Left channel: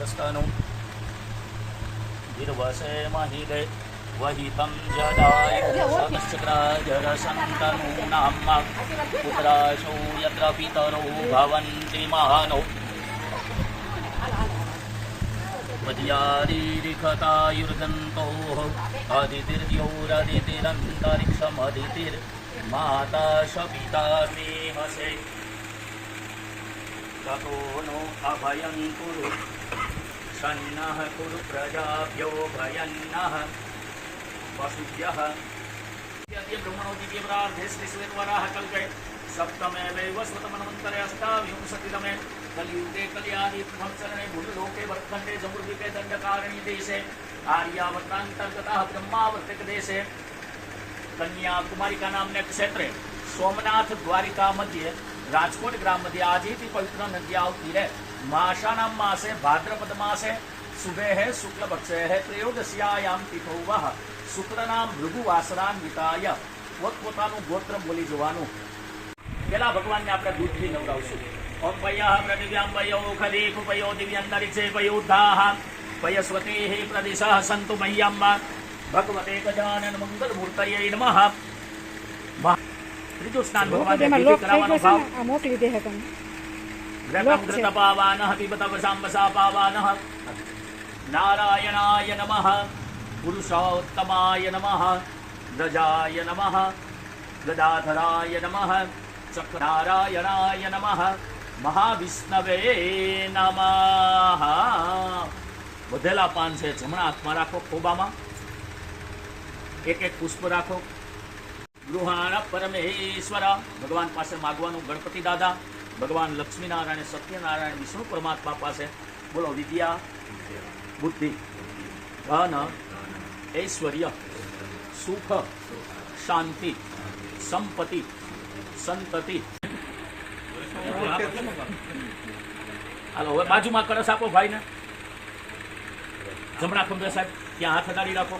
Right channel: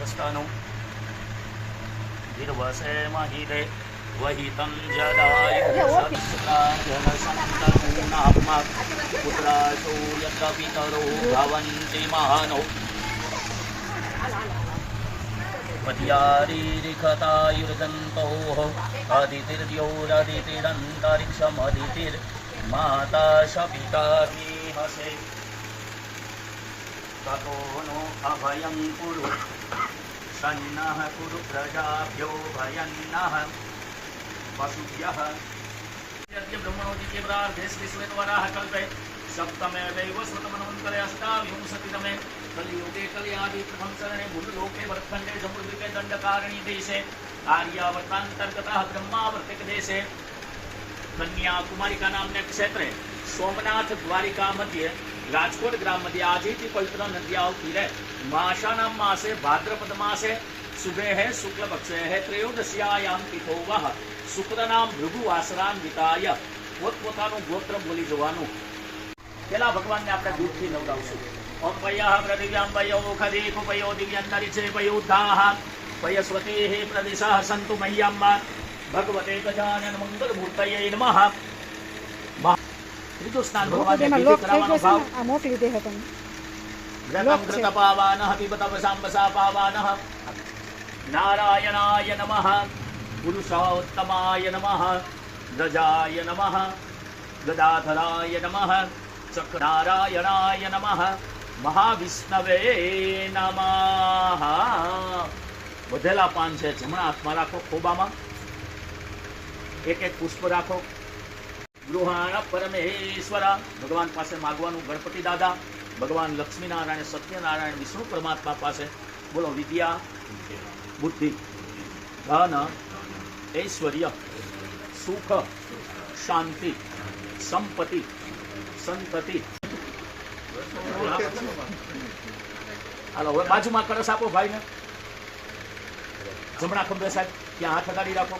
सस्तनु गिर्वसे महिले वहितं जदायुषदस्राजरसन्तपूर्णात्मा पुत्राशो यत्र पितरो भवन्ति महानो पद्यारीरिखतायुर्गन्तोः अदितिर्योरदितिरन्तरिक्षमदितिर्माता शपिता मेहसे ततो नो अभयं कुरु सन्नः कुरु प्रजाभ्यो भयन्नः पशुभ्यः ब्रह्मणो द्वितीय प्रार्थे श्रीश्वेतवराह कल्पे सप्तमे वैवस्वतमन्वन्तरे अष्टाविंशतितमे कलियुगे कल्यादि वंशने भूलोके भरतखंडे समृद्धिके दंडकारणी देशे आर्यावर्तांतर्गतः ब्रह्मावर्तिक देशे कन्याकुमारिका नामने क्षेत्रे सोमनाथ द्वारिका मध्ये राजकोट ग्राम मध्ये आजથી પવિત્ર નદી આવતી રહે માસાનામ માસે ભાદ્રપદ માસે સુબે હે શુક્લ પક્ષે હે ત્રયોદશીયાયામ તિથો વહ શુક્રનામ ભૃગુ વાસરાન્વિતાય પોતપોતાનું ગોત્ર બોલી જવાનું. પેલા ભગવાનને આપણે દૂધથી નવડાવશું. ઓમ પયઃ પ્રદિવ્યામ પયો ખદી કુપયો દિવ્યંતરિક્ષે પયોદ્ધાઃ પયસ્વતેઃ પ્રદિશઃ સંતુ મહ્યમ ભગવતે ગજાનન મંગલ મૂર્તયે નમઃ. ત્રીજું સ્નાન ભગવાનને વિધિ કરાવવાનો ભાવ આ મોકલી દે હે તમે વ્રતમ કૃત પાવાનઃ પિબત વસાંબસા પાવાનઃ નારાયણાય નમઃ પુરુષોત્તમાય નમઃ ગજાય નમઃ ગદાધરાય નમઃ ચક્રનારાયણાય નમઃ મહાવિષ્ણવે નમઃ. વધેલા પાન છે જમણા હાથમાં રાખો, ખોબામાં એક એક પુષ્પ રાખો. ગૃહાણ પરમેશ્વર ભગવાન પાસે માગવાનું. ગણપતિ દાદા, ભગવાન લક્ષ્મીનારાયણ, સત્યનારાયણ, વિષ્ણુ પરમાત્મા પાસે બોલો વિદ્યા, બુદ્ધિ, ધન, ઐશ્વર્ય, સુખ, શાંતિ, સંપત્તિ, સંતતિ. હાલો હવે બાજુમાં કળશ આપો ભાઈને. જમણા ખંભે સાહેબ ત્યાં હાથ અડાડી રાખો.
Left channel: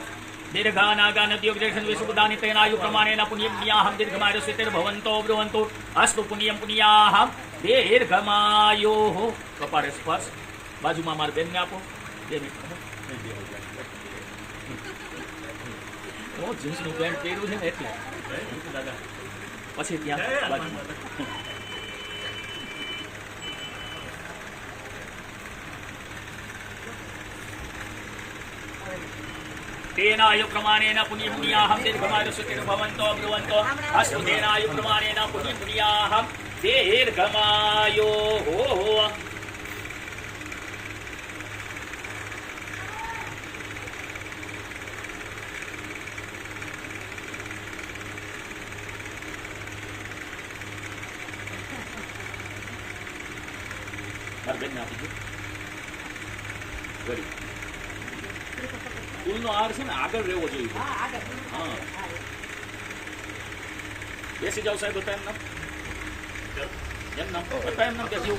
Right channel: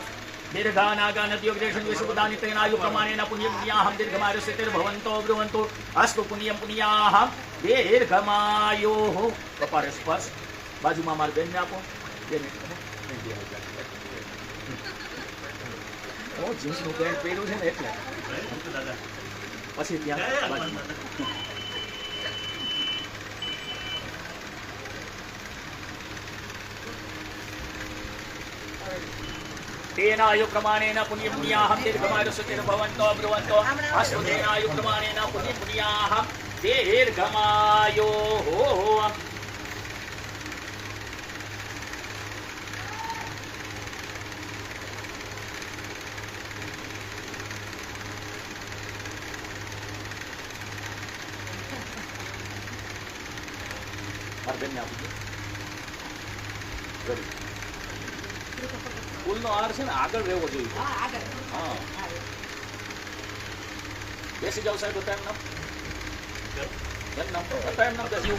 દીર્ઘાનાગાનદ્યોગદેશન વિશુદાની તેનાયુ પ્રમાણેના પુણ્યમ પુણ્યાહમ દીર્ઘમાયુષ્યતિર્ભવન્તો બ્રુવન્તો અસ્તુ પુણ્યમ પુણ્યાહમ દીર્ઘમાયો. કપાળે સ્પર્શ. બાજુમાં મારા બેનને આપો. 2 મિનિટ. જીન્સનું પેન્ટ પહેર્યું છે ને એટલે પછી ત્યાં બાજુમાં तेनायु प्रमाणेन पुण्यं पुण्याहं दीर्घमायुष्यतिर्भवन्तो ब्रुवन्तो अस्तु तेनायु प्रमाणेन पुण्यं पुण्याहं दीर्घमायोः. ફૂલનો હાર છે ને આગળ રહેવો જોઈએ. હા બેસી જાવ સાહેબ. હતા એમ નામ હતા એમ નામ બેસી.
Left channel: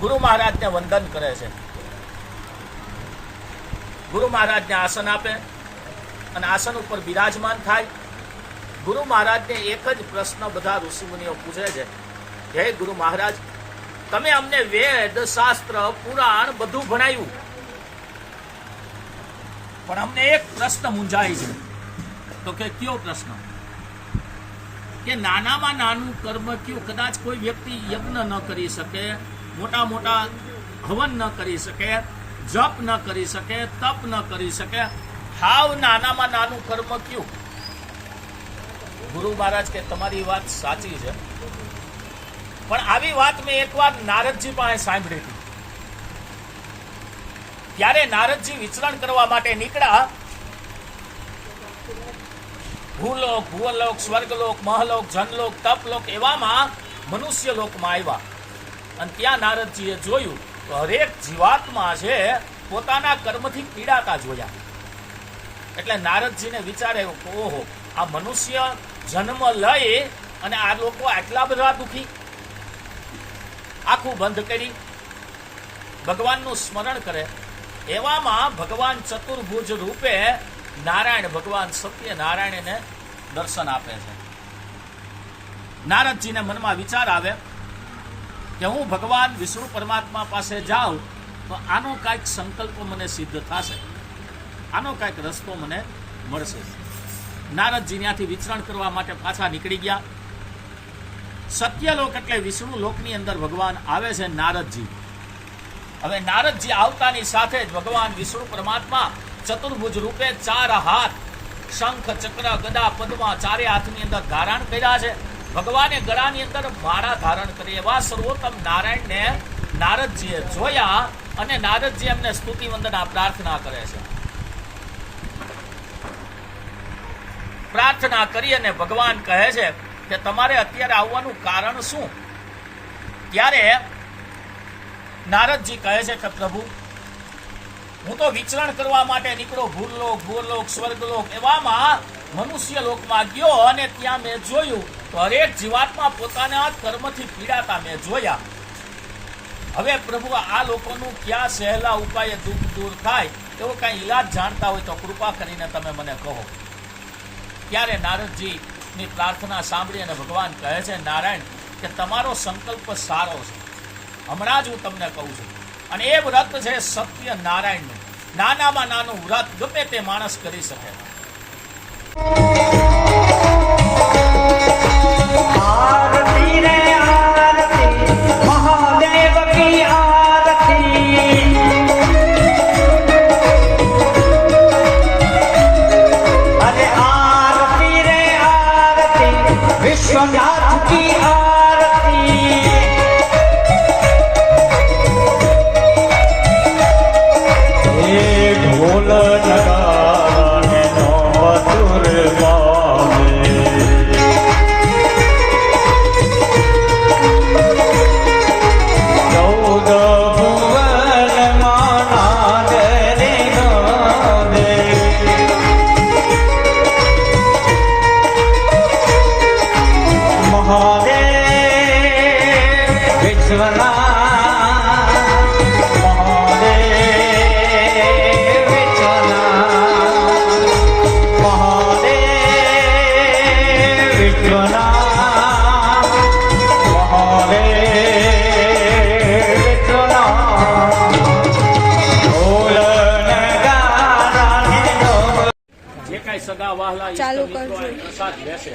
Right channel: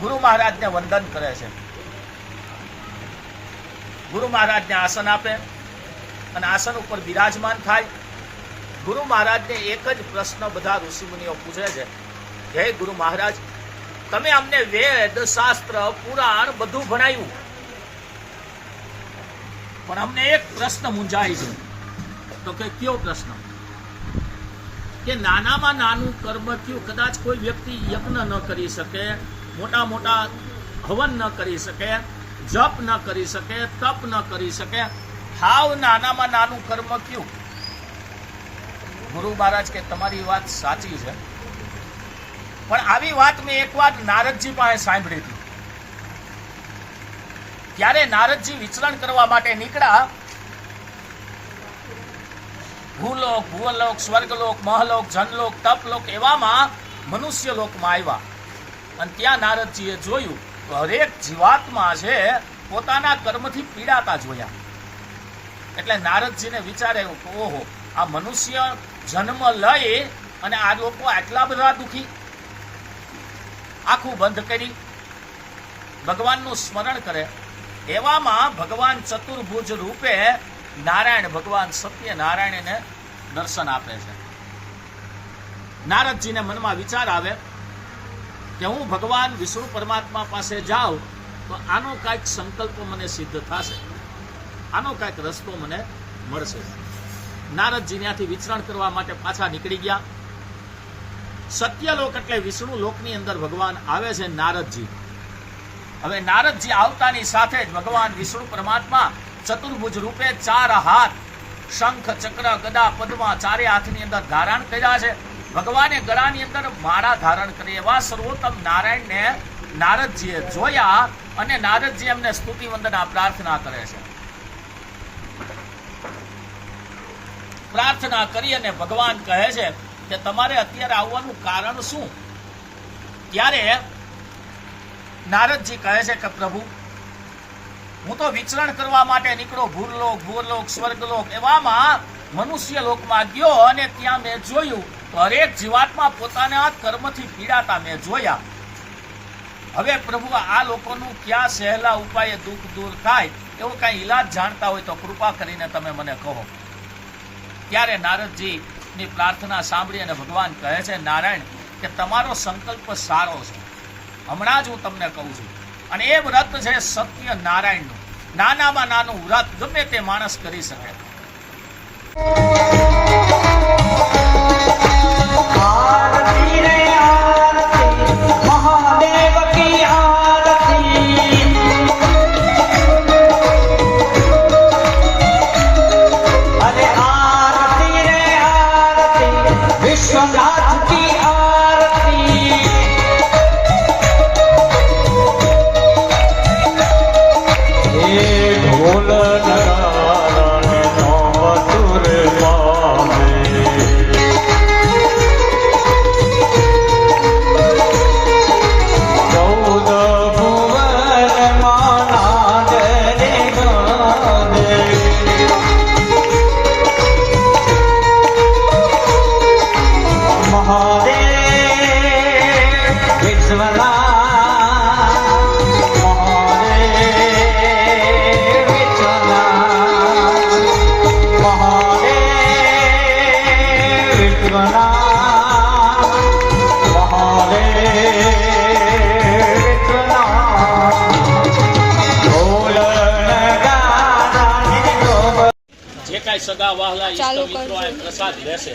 ગુરુ મહારાજને વંદન કરે છે. ગુરુ મહારાજને આસન આપે અને આસન ઉપર બિરાજમાન થાય. ગુરુ મહારાજને એક જ પ્રશ્ન બધા ઋષિમુનિઓ પૂછે છે, હે ગુરુ મહારાજ, તમે અમને વેદ, શાસ્ત્ર, પુરાણ બધું ભણાવ્યું, પણ અમને એક પ્રશ્ન મૂંઝાય છે. તો કે કયો પ્રશ્ન? કે નાનામાં નાનું કર્મ કયું? કદાચ કોઈ વ્યક્તિ યજ્ઞ ન કરી શકે, મોટા મોટા હવન ન કરી શકે, જપ ન કરી શકે, તપ ન કરી શકે, હાવ નાનામાં નાનું કર્મ કયું? ગુરુ મહારાજ કે તમારી વાત સાચી છે, પણ આવી વાત મેં એકવાર નારદજી પાસે સાંભળી હતી. ત્યારે નારદજી વિચરણ કરવા માટે નીકળ્યા. ભૂલોક, ભુવનલોક, સ્વર્ગલોક, મહલોક, જનલોક, તપલોક એવામાં મનુષ્ય લોકમાં આવ્યા. અને ત્યાં નારદજીએ જોયું તો હરેક જીવાત્મા છે પોતાના કર્મથી પીડાતા જોયા. એટલે નારદજીને વિચાર આવ્યો કે ઓહો, આ મનુષ્ય જન્મ લઈ અને આ લોકો આટલા બધા દુઃખી. આખું બંધ કરી ભગવાનનું સ્મરણ કરે. એવામાં ભગવાન ચતુર્ભુજ રૂપે નારાયણ ભગવાન સત્યનારાયણને દર્શન આપે છે. નારદજીને મનમાં વિચાર આવે કે હું ભગવાન વિષ્ણુ પરમાત્મા પાસે જાઉં તો આનો કાંઈક સંકલ્પ મને સિદ્ધ થશે, આનો કાંઈક રસ્તો મને મળશે. નારદજી ત્યાંથી વિચરણ કરવા માટે પાછા નીકળી ગયા. સત્યલોક એટલે વિષ્ણુ લોકની અંદર ભગવાન આવે છે નારદજી. હવે નારદજી આવતાની સાથે જ ભગવાન વિષ્ણુ પરમાત્મા ચતુર્ભુજ રૂપે 4 હાથ, શંખ, ચક્ર, ગદા, પદ્મા ચારે હાથની અંદર ધારણ કર્યા છે. ભગવાને ગળાની અંદર માળા ધારણ કરી. એવા સર્વોત્તમ નારાયણને નારદજીએ જોયા અને નારદજી એમને સ્તુતિ વંદના પ્રાર્થના કરે છે. પ્રાર્થના કરી અને ભગવાન કહે છે કે તમારે અત્યારે આવવાનું કારણ શું? ત્યારે નારદજી કહે છે કે પ્રભુ, હું તો વિચરણ કરવા માટે નીકળો, ભૂરલોક, ભૂવરલોક, સ્વર્ગલોક, એવામાં મનુષ્ય લોકમાં ગયો અને ત્યાં મેં જોયું તો હરેક જીવાત્મા પોતાના કર્મથી પીડાતા મેં જોયા. હવે પ્રભુ, આ લોકોનું ક્યાં સહેલા ઉપાયે દુઃખ દૂર થાય એવો કાંઈ ઈલાજ જાણતા હોય તો કૃપા કરીને તમે મને કહો. ત્યારે નારદજીની પ્રાર્થના સાંભળી અને ભગવાન કહે છે, નારાયણ, કે તમારો સંકલ્પ સારો છે, હમણાં જ હું તમને કહું છું. અને એ વ્રત છે સત્ય નારાયણનું. નાનામાં નાનું વ્રત ગમે તે માણસ કરી શકે. आरती रे आरती महादेव की आरती अरे आरती रे आरती विश्वनाथ की आरती ये ढोल नगाने नो मधुर पावे સગા વહાલા ઈષ્ટ મિત્રો આ પ્રસાદ લેશે.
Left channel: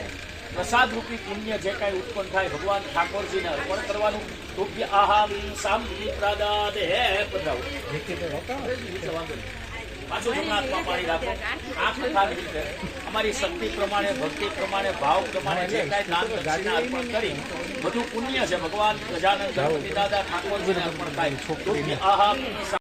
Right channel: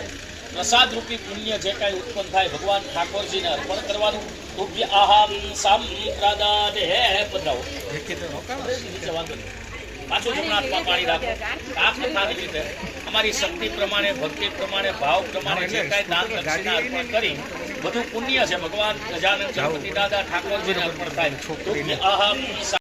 પ્રસાદ રૂપી પુણ્ય જે કાંઈ ઉત્પન્ન થાય ભગવાન ઠાકોરજીને અર્પણ કરવાનું. તુભ્ય આહાર સંપ્રદાદ હે પધરાવો નીચે વાંધો નહીં, પાછું જમણાથમાં પાણી રાખો. આખી રીતે અમારી શક્તિ પ્રમાણે, ભક્તિ પ્રમાણે, ભાવ પ્રમાણે જે કાંઈ દાન દક્ષિણા અર્પણ કરી બધું પુણ્ય છે ભગવાન ગજાનન ગણપતિ દાદા ઠાકોરજીને અર્પણ થાય. તુભ્ય આહાર